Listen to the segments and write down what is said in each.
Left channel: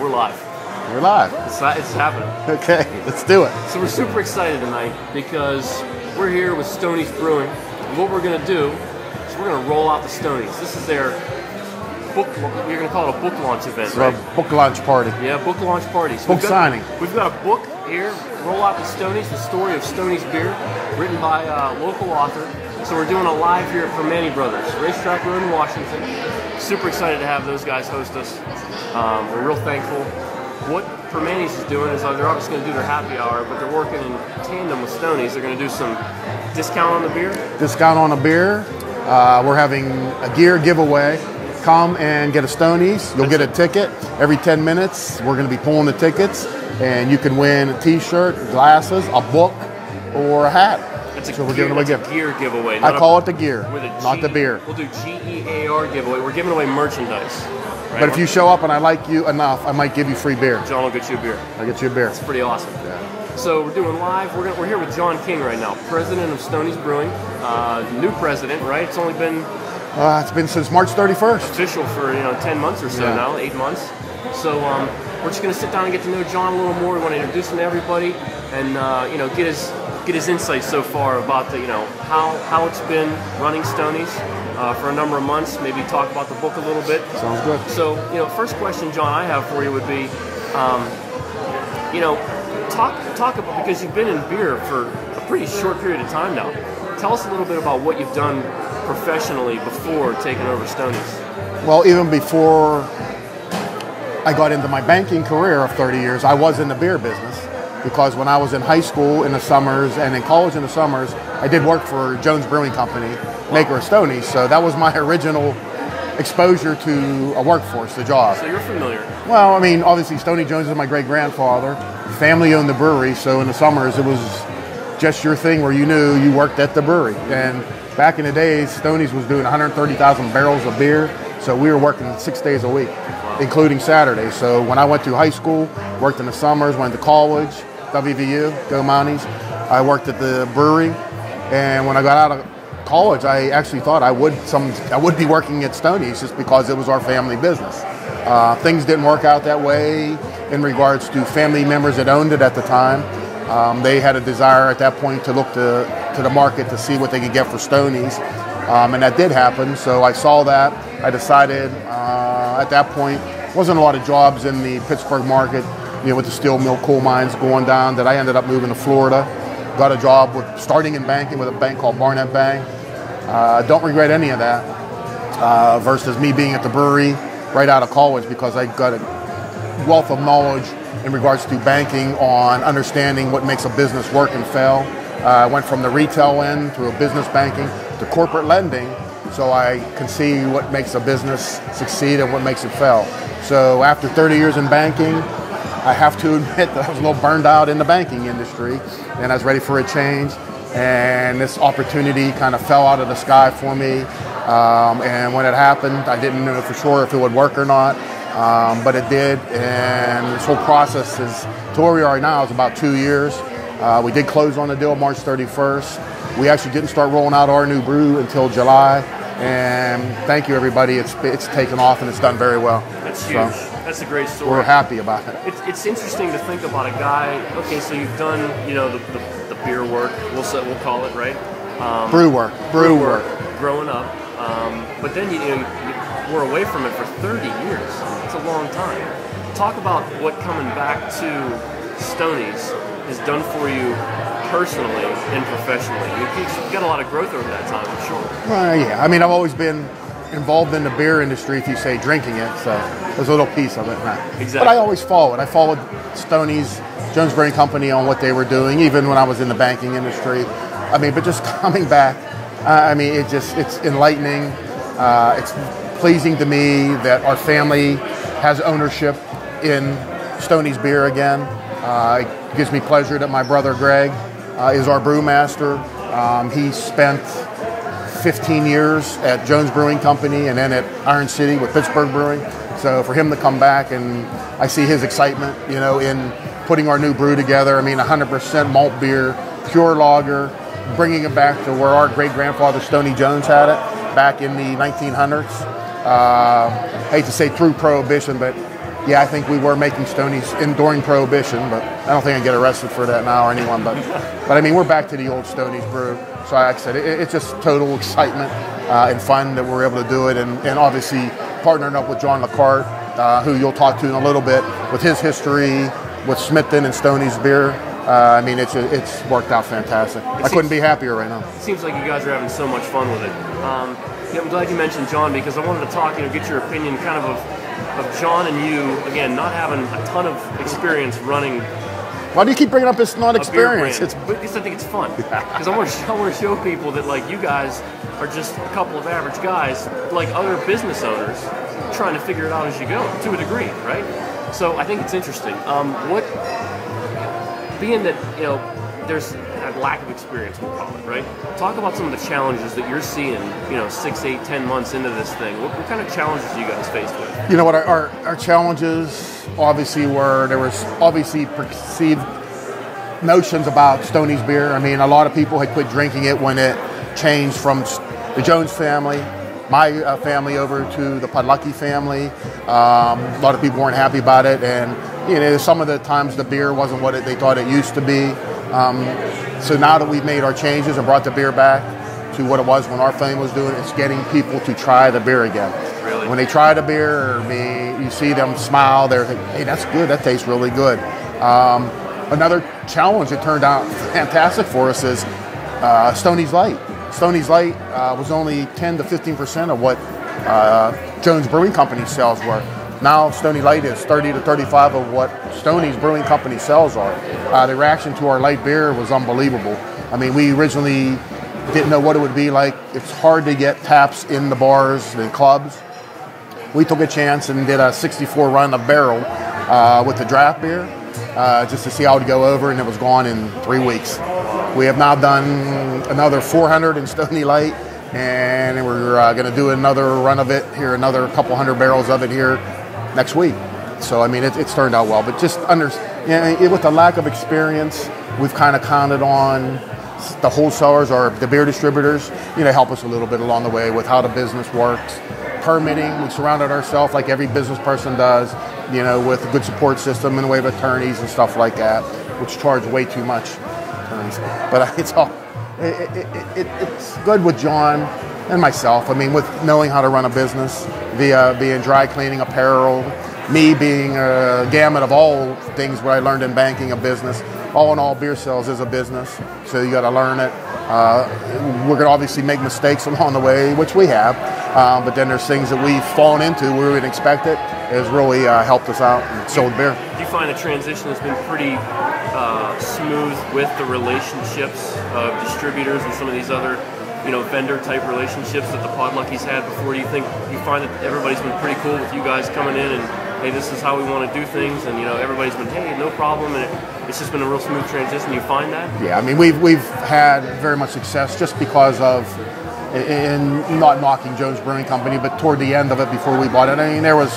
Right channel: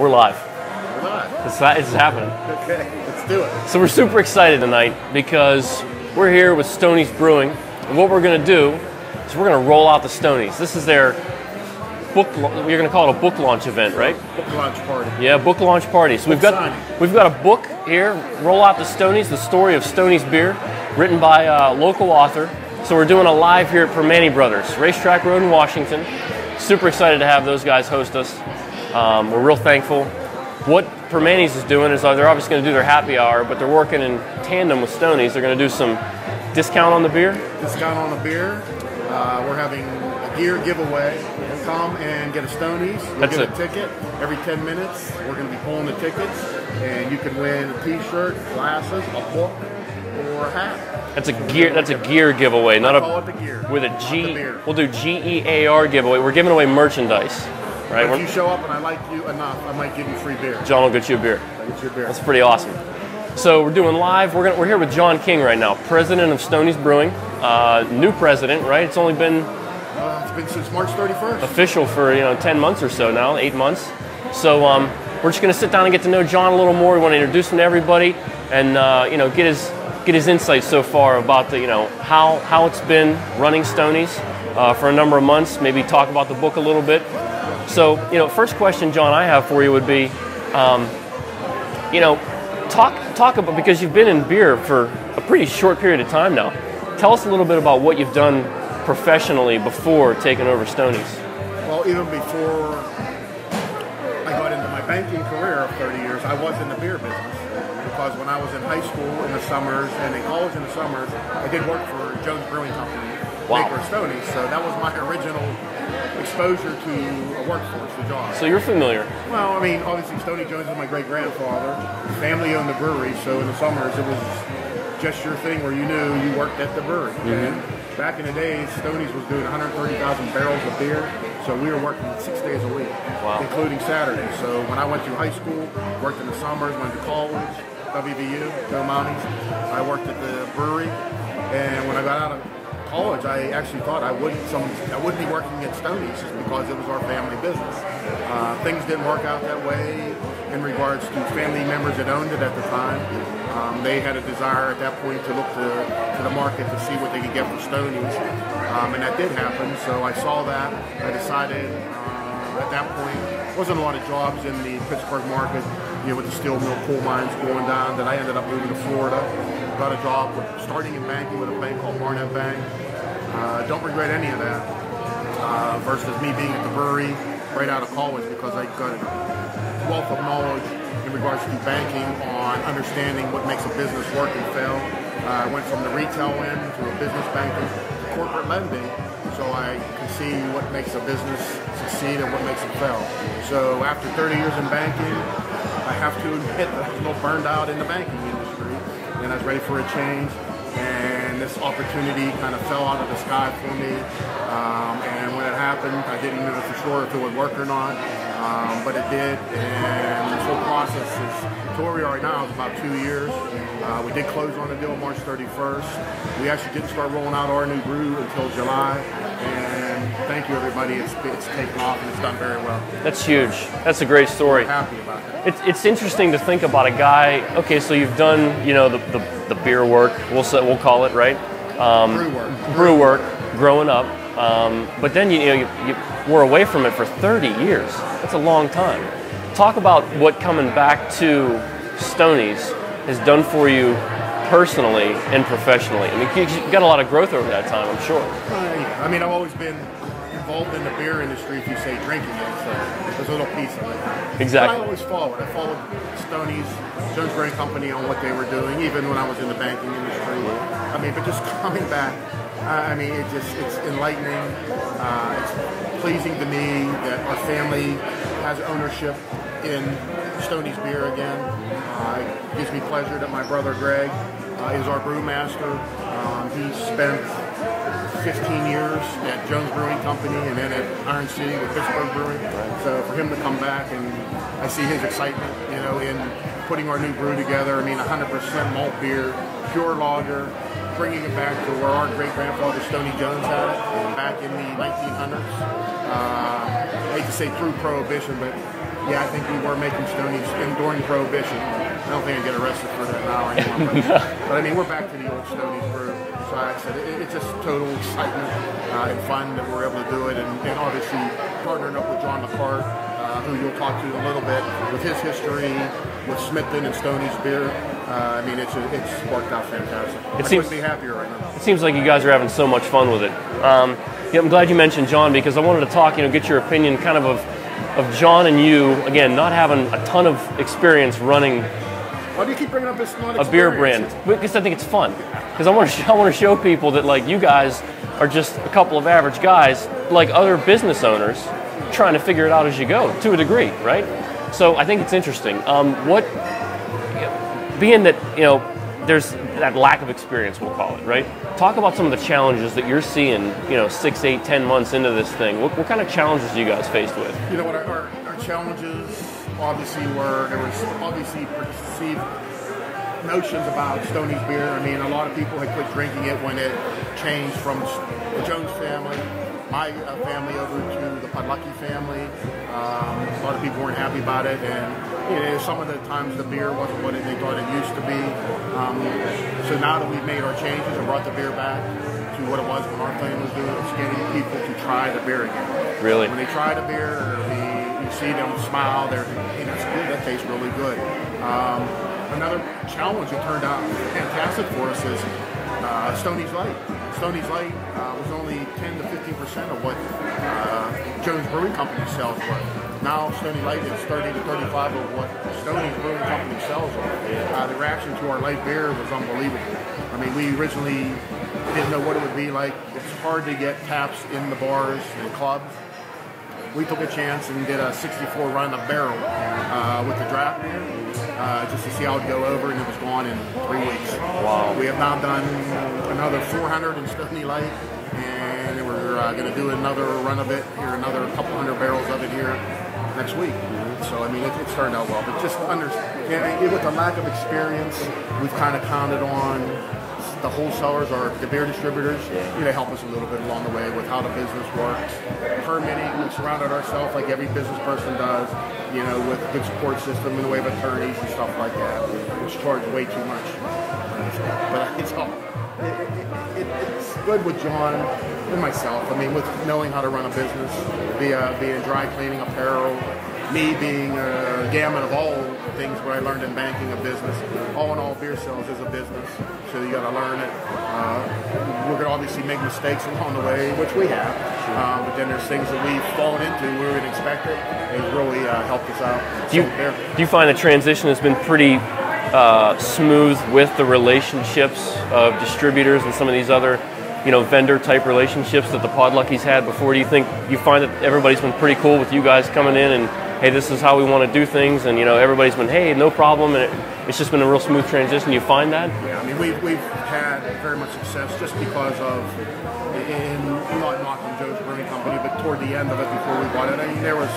We're live. We're live. It's happening. Okay, let's do it. So we're super excited tonight because we're here with Stoney's Brewing. And what we're going to do is we're going to roll out the Stoneys. This is their book, you're going to call it a book launch event, right? Book launch party. Yeah, book launch party. So Book signing. We've got a book here, Roll Out the Stoneys, the story of Stoney's beer, written by a local author. So we're doing a live here at Permane Brothers, Racetrack Road in Washington. Super excited to have those guys host us. We're real thankful. What Permane's is doing is they're obviously going to do their happy hour, but they're working in tandem with Stoney's. They're going to do some discount on the beer. Discount on the beer. We're having a gear giveaway. Come and get a Stoney's. You'll get a ticket every 10 minutes. We're going to be pulling the tickets, and you can win a T-shirt, glasses, a book, or a hat. That's a gear giveaway. I call it the gear, with not the beer. We'll do GEAR giveaway. We're giving away merchandise. Right? But if you show up and I like you enough, I might give you free beer. John will get you a beer. I'll get you a beer. That's pretty awesome. So we're doing live. We're here with Jon King right now, president of Stoney's Brewing. New president, right? It's only been... it's been since March 31st. Official for 10 months or so now, 8 months. So we're just going to sit down and get to know Jon a little more. We want to introduce him to everybody and get his insights so far about the how it's been running Stoney's for a number of months. Maybe talk about the book a little bit. Sounds good. So first question, Jon, I have for you would be, talk about, because you've been in beer for a pretty short period of time now. Tell us a little bit about what you've done professionally before taking over Stoney's. Well, even before I got into my banking career of 30 years, I was in the beer business. Because when I was in high school in the summers and in college in the summers, I did work for Jones Brewing Company, maker of Stoney's. So that was my original exposure to a workforce, the job. So you're familiar? Well, I mean, obviously Stoney Jones is my great-grandfather. Family owned the brewery, so in the summers it was just your thing where you knew you worked at the brewery. Mm-hmm. And back in the days, Stoney's was doing 130,000 barrels of beer. So we were working 6 days a week, including Saturdays. So when I went through high school, worked in the summers, went to college, WVU, Go Mounties. I worked at the brewery, and when I got out of college, I actually thought I would be working at Stoney's just because it was our family business. Things didn't work out that way in regards to family members that owned it at the time. They had a desire at that point to look to the market to see what they could get for Stoney's. And that did happen, so I saw that. I decided at that point, wasn't a lot of jobs in the Pittsburgh market, with the steel mill coal mines going down, that I ended up moving to Florida. Got a job starting in banking with a bank called Barnett Bank. Don't regret any of that versus me being at the brewery right out of college, because I got a wealth of knowledge in regards to banking on understanding what makes a business work and fail. I went from the retail end to a business banking to corporate lending, so I could see what makes a business succeed and what makes it fail. So after 30 years in banking, I have to admit that I was a little burned out in the banking industry, and I was ready for a change. And this opportunity kind of fell out of the sky for me. And when it happened, I didn't know for sure if it would work or not, but it did. And this whole process to where we are now is about 2 years. We did close on the deal March 31st. We actually didn't start rolling out our new brew until July. And thank you, everybody. It's taken off, and it's done very well. That's huge. That's a great story. We're happy about it. It's interesting to think about a guy. Okay, so you've done the beer work. We'll call it, right. Brew work. Growing up, but then you were away from it for 30 years. That's a long time. Talk about what coming back to Stoney's has done for you personally and professionally. I mean, you've got a lot of growth over that time, I'm sure. Yeah. I mean, I've always been involved in the beer industry, if you say drinking it, so there's a little piece of it now. Exactly. But I always followed. I followed Stoney's, Jones Brewing Company, on what they were doing, even when I was in the banking industry. I mean, but just coming back, it's enlightening. It's pleasing to me that our family has ownership in Stoney's beer again. It gives me pleasure that my brother Greg is our brewmaster. He spent 15 years at Jones Brewing Company and then at Iron City with Pittsburgh Brewing. So for him to come back, and I see his excitement, in putting our new brew together. I mean, 100% malt beer, pure lager, bringing it back to where our great-grandfather Stoney Jones had it back in the 1900s. I hate to say through Prohibition, but yeah, I think we were making Stoney's during Prohibition, but I don't think I get arrested for that now or anyone. But I mean, we're back to the old Stoney's brew. So like I said, it's just total excitement and fun that we're able to do it, and obviously partnering up with John who you'll talk to in a little bit, with his history with Smithton and Stoney's beer. I mean, it's worked out fantastic. I couldn't be happier right now. It seems like you guys are having so much fun with it. Yeah, I'm glad you mentioned John, because I wanted to talk, get your opinion kind of John and you, again, not having a ton of experience running. Why do you keep bringing up this not experience? A beer brand. Because I think it's fun. Because I want to show people that, like, you guys are just a couple of average guys, like other business owners, trying to figure it out as you go, to a degree, right? So I think it's interesting. Being that, there's that lack of experience, we'll call it, right? Talk about some of the challenges that you're seeing, 6, 8, 10 months into this thing. What kind of challenges are you guys faced with? You know what, our challenges obviously were, there was obviously perceived notions about Stoney's beer. I mean, a lot of people had quit drinking it when it changed from the Jones family, my family, over to the Podlucky family. A lot of people weren't happy about it, and some of the times the beer wasn't what they thought it used to be. So now that we've made our changes and brought the beer back to what it was when our family was doing it, it's getting people to try the beer again. Really? When they try the beer, or you see them smile, they're thinking, hey, that's good, that tastes really good. Another challenge that turned out fantastic for us is Stoney's Light. Stoney's Light was only 10 to 15% of what Jones Brewing Company sales were. Now Stoney Light is 30 to 35 of what Stoney's Brewing Company sales are. The reaction to our light beer was unbelievable. I mean, we originally didn't know what it would be like. It's hard to get taps in the bars, the clubs. We took a chance and did a 64 run of barrel with the draft beer, just to see how it would go over, and it was gone in 3 weeks. We have now done another 400 in Stoney Light, and we're going to do another run of it here, another couple hundred barrels of it here next week. So I mean, it's turned out well, but just with the lack of experience, we've kind of counted on the wholesalers or the beer distributors, help us a little bit along the way with how the business works. Permitting, we surrounded ourselves like every business person does, with a good support system in the way of attorneys and stuff like that, which charge way too much. But it's good with John and myself. I mean, with knowing how to run a business, being dry cleaning, apparel, me being a gamut of all things what I learned in banking, a business. All in all, beer sales is a business, so you got to learn it. We're going to obviously make mistakes along the way, which we have, but then there's things that we've fallen into where we didn't expect it. It has really helped us out and sold beer. Do you find the transition has been pretty smooth with the relationships of distributors and some of these other vendor-type relationships that the Podluckies had before? Do you find that everybody's been pretty cool with you guys coming in and, hey, this is how we want to do things, and, everybody's been, hey, no problem, and it's just been a real smooth transition? You find that? Yeah, I mean, we've had very much success just because of, in not knocking Jones Brewing Company, but toward the end of it before we bought it, I mean, there was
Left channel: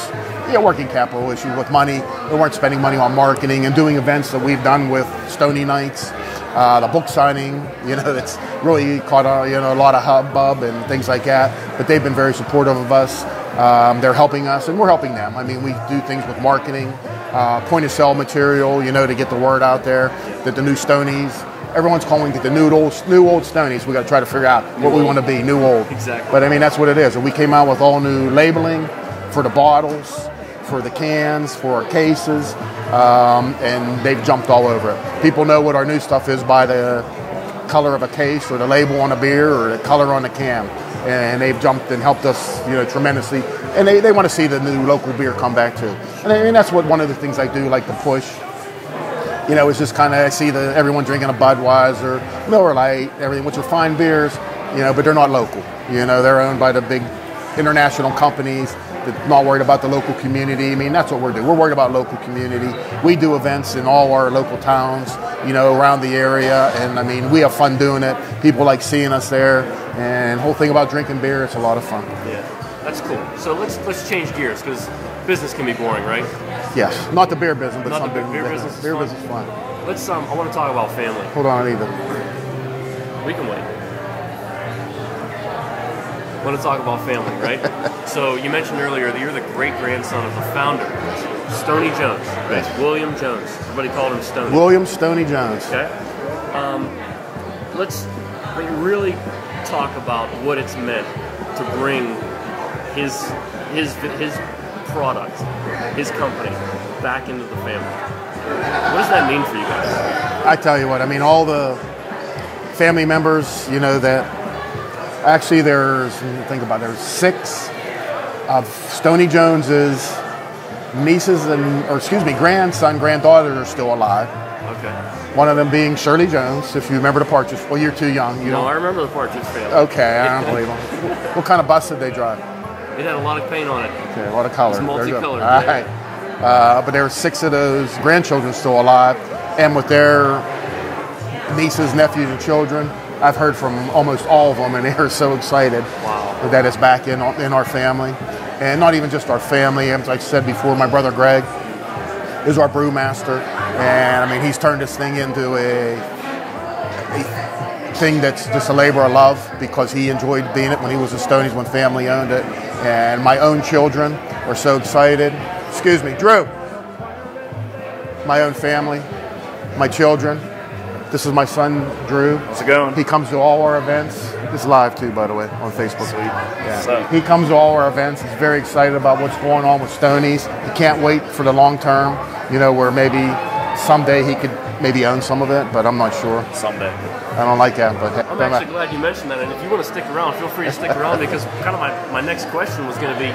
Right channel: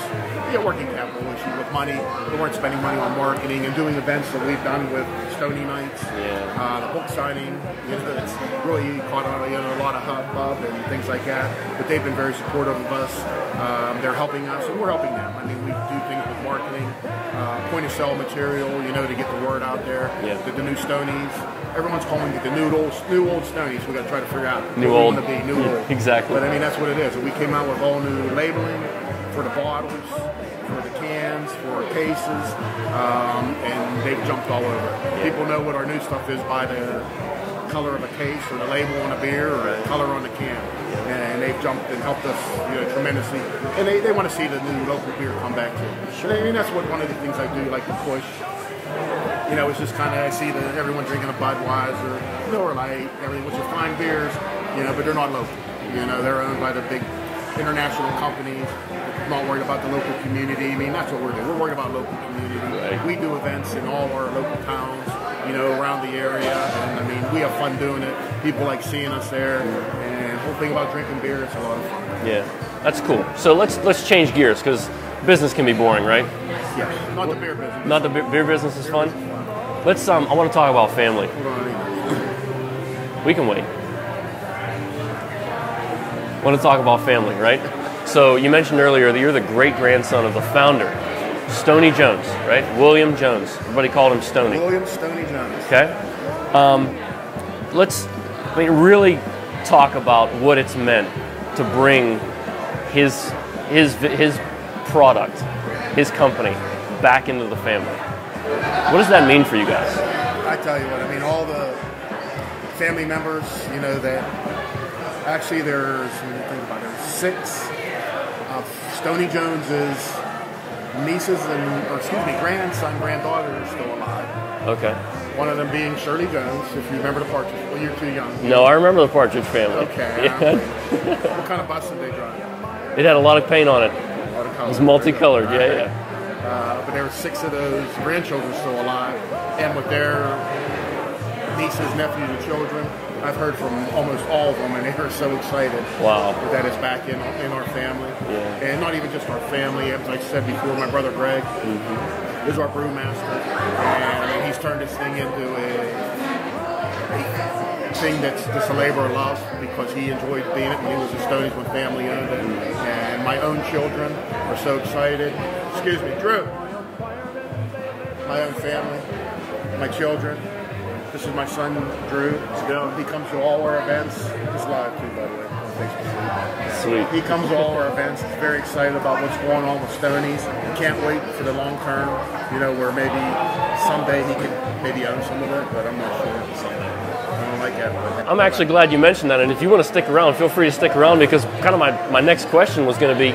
working capital issues with money. We weren't spending money on marketing and doing events that we've done with Stoney Nights. The book signing, it's really caught a lot of hubbub and things like that. But they've been very supportive of us. They're helping us, and we're helping them. I mean, we do things with marketing, point of sale material, to get the word out there. That the new Stonies, everyone's calling it the new old Stonies. We got to try to figure out what we want to be, new old. Exactly. But I mean, that's what it is. And we came out with all new labeling for the bottles, for the cans, for our cases, and they've jumped all over it. People know what our new stuff is by the color of a case or the label on a beer or the color on the can, and they've jumped and helped us tremendously, and they want to see the new local beer come back too. And I mean, that's what one of the things I do like to push. It's just kind of, I see everyone drinking a Budweiser, Miller Lite, everything, which are fine beers, but they're not local. They're owned by the big international companies. They're not worried about the local community. I mean, that's what we're doing. We're worried about local community. We do events in all our local towns, around the area, and I mean, we have fun doing it. People like seeing us there, and the whole thing about drinking beer, it's a lot of fun. Yeah, that's cool. So let's change gears, because business can be boring, right? Yes, not the beer business. Not the beer business is fun? Business is fun. Let's, I want to talk about family. Hold on, I need to... We can wait. I want to talk about family, right? So you mentioned earlier that you're the great-grandson of the founder Stoney Jones, right? Willam Jones. Everybody called him Stoney. William Stoney Jones. Okay. Let's really talk about what it's meant to bring his product, his company, back into the family. What does that mean for you guys? I tell you what, I mean, all the family members, you know, that actually there's 6 of Stoney Jones's nieces granddaughters are still alive. Okay. One of them being Shirley Jones, if you remember the Partridge. Well, you're too young. I remember the Partridge family. Okay, I don't believe them. What kind of bus did they drive? It had a lot of paint on it. Okay, a lot of color. It's multicolored. Right. But there were 6 of those grandchildren still alive, and with their nieces, nephews, and children, I've heard from almost all of them, and they are so excited that it's back in our family. And not even just our family. As I said before, my brother Greg is our brewmaster, and I mean he's turned this thing into a thing that's just a labor of love because he enjoyed being it when he was a Stoney's when family owned it. And my own children are so excited. Excuse me, Drew. My own family, my children. This is my son, Drew. How's it going? He comes to all our events. He's live too, by the way, on Facebook. Yeah. So he comes to all our events. He's very excited about what's going on with Stoney's. He can't wait for the long term, where maybe someday he could maybe own some of it, but I'm not sure. Someday. I don't like that. But I'm actually glad you mentioned that, and if you want to stick around, feel free to stick around because kind of my next question was going to be,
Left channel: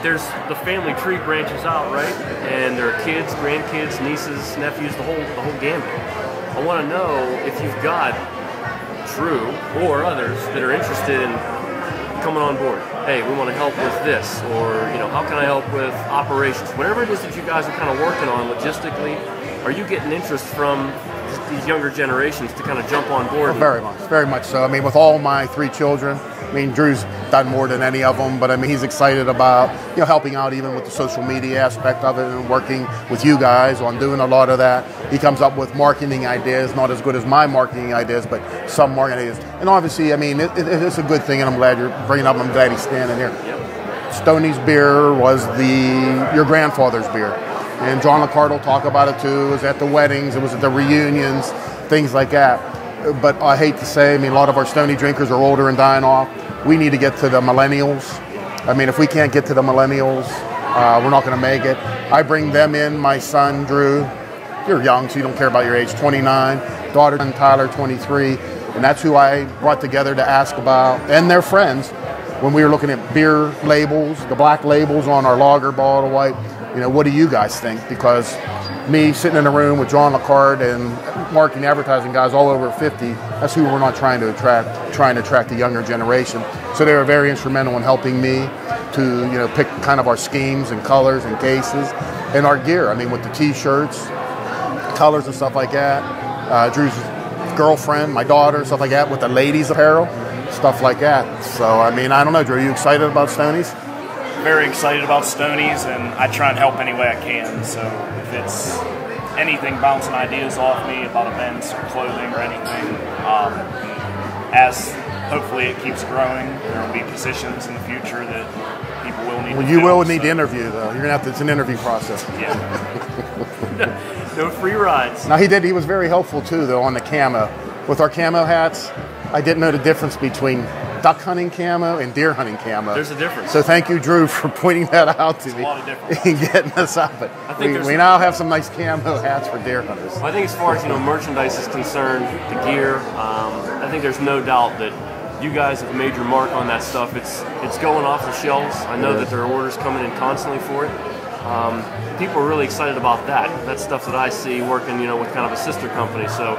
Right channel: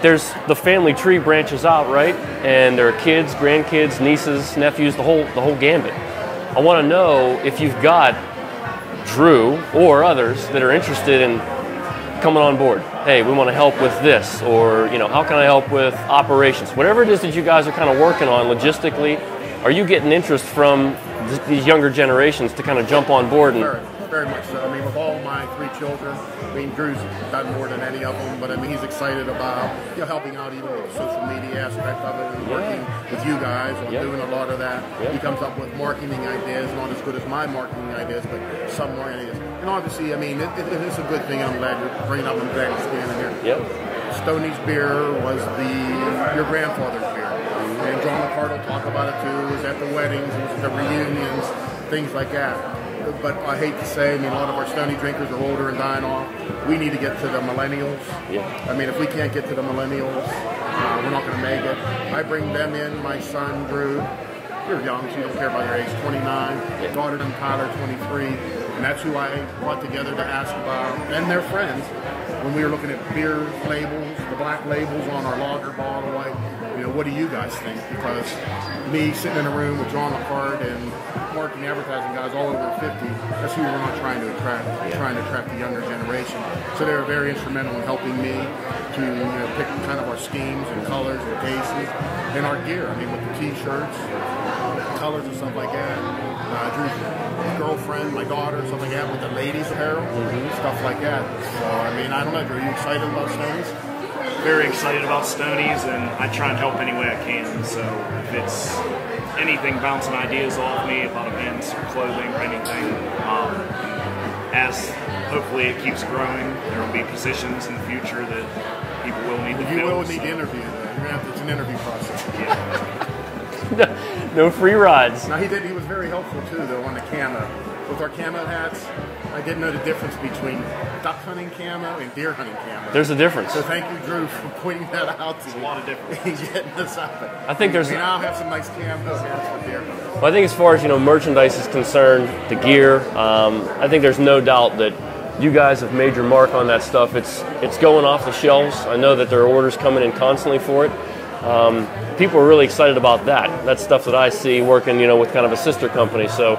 there's the family tree branches out, right? And there are kids, grandkids, nieces, nephews, the whole gambit. I want to know if you've got Drew or others that are interested in coming on board. Hey, we want to help with this, or how can I help with operations? Whatever it is that you guys are kind of working on logistically, are you getting interest from these younger generations to kind of jump on board? Very much so. I mean, with all my 3 children, I mean, Drew's done more than any of them, but I mean, he's excited about helping out even with the social media aspect of it and working with you guys on doing a lot of that. He comes up with marketing ideas, not as good as my marketing ideas, but some marketing ideas. And obviously, I mean, it's a good thing, and I'm glad you're bringing up. I'm glad he's standing here. Yep. Stoney's beer was your grandfather's beer. And John will talk about it too. It was at the weddings, it was at the reunions, things like that. But I hate to say, I mean, a lot of our Stoney drinkers are older and dying off. We need to get to the millennials. I mean, if we can't get to the millennials, we're not going to make it. I bring them in, my son, Drew. You're young, so you don't care about your age, 29. Daughter, Tyler, 23. And that's who I brought together to ask about, and their friends, when we were looking at beer labels, the black labels on our lager, bottle, white. What do you guys think? Because me sitting in a room with John and marketing advertising guys all over 50, that's who we're not trying to attract the younger generation. So they were very instrumental in helping me to pick kind of our schemes and colors and cases and our gear. I mean, with the t-shirts, colors and stuff like that. Drew's girlfriend, my daughter, stuff like that, with the ladies apparel, stuff like that. So, I mean, I don't know, Drew, are you excited about Stoney's? Very excited about Stoney's, and I try and help any way I can. So if it's anything bouncing ideas off me about events or clothing or anything, as hopefully it keeps growing, there will be positions in the future that people will need to You fill, will need to interview, though. You're going to it's an interview process. Yeah. No free rides. Now, he was very helpful, too, though, on the camo. With our camo hats, I didn't know the difference between duck hunting camo and deer hunting camo. There's a difference. So thank you, Drew, for pointing that out to me. A lot of difference. And getting us up. I think we now have some nice camo hats for deer hunters. Well, I think as far as merchandise is concerned, the gear, I think there's no doubt that you guys have made your mark on that stuff. It's going off the shelves. I know that there are orders coming in constantly for it. People are really excited about that. That's stuff that I see working, with kind of a sister company. So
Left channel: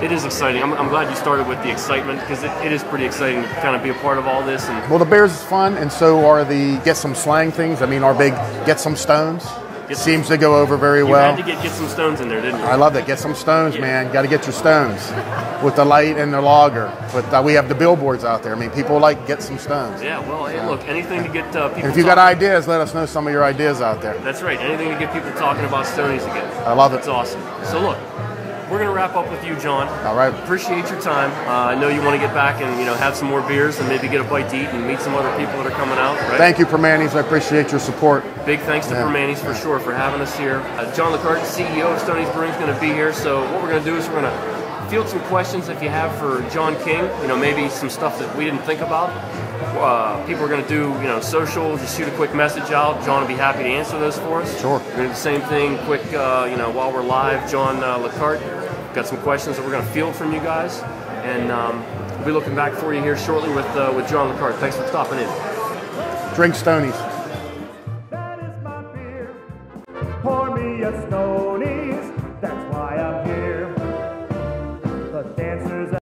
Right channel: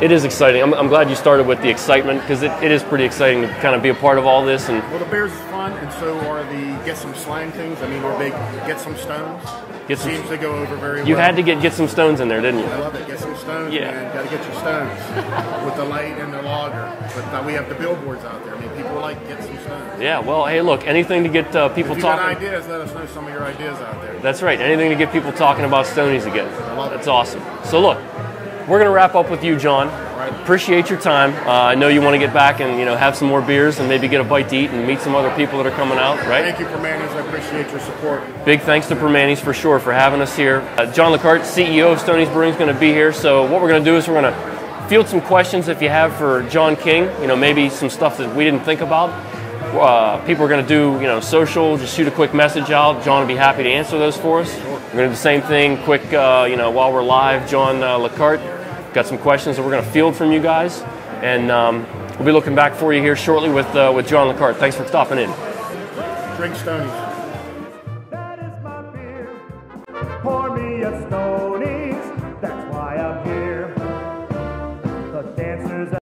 it is exciting. I'm glad you started with the excitement because it is pretty exciting to kind of be a part of all this. And well, the beers is fun, and so are the Get Some Slang things. I mean, our big Get Some Stones seems to go over very well. You had to get some stones in there, didn't you? I love that. Get some stones, man. Got to get your stones with the light and the lager. But we have the billboards out there. I mean, people get some stones. Yeah, well, hey, look, anything to get people If you got ideas, let us know some of your ideas out there. That's right. Anything to get people talking about Stoney's again. I love it. It's awesome. So look, we're going to wrap up with you, John. All right. Appreciate your time. I know you want to get back and have some more beers and maybe get a bite to eat and meet some other people that are coming out. Right? Thank you, Permanis. I appreciate your support. Big thanks to Permanis for sure for having us here. John Lecarte, CEO of Stoney's Brewing, is going to be here. So what we're going to do is we're going to field some questions if you have for Jon King. Maybe some stuff that we didn't think about. People are going to do, social, just shoot a quick message out. John will be happy to answer those for us. Sure. We're going to do the same thing, quick, while we're live. John Lecarte got some questions that we're going to field from you guys. And we'll be looking back for you here shortly with John Lecarte. Thanks for stopping in. Drink Stoney's.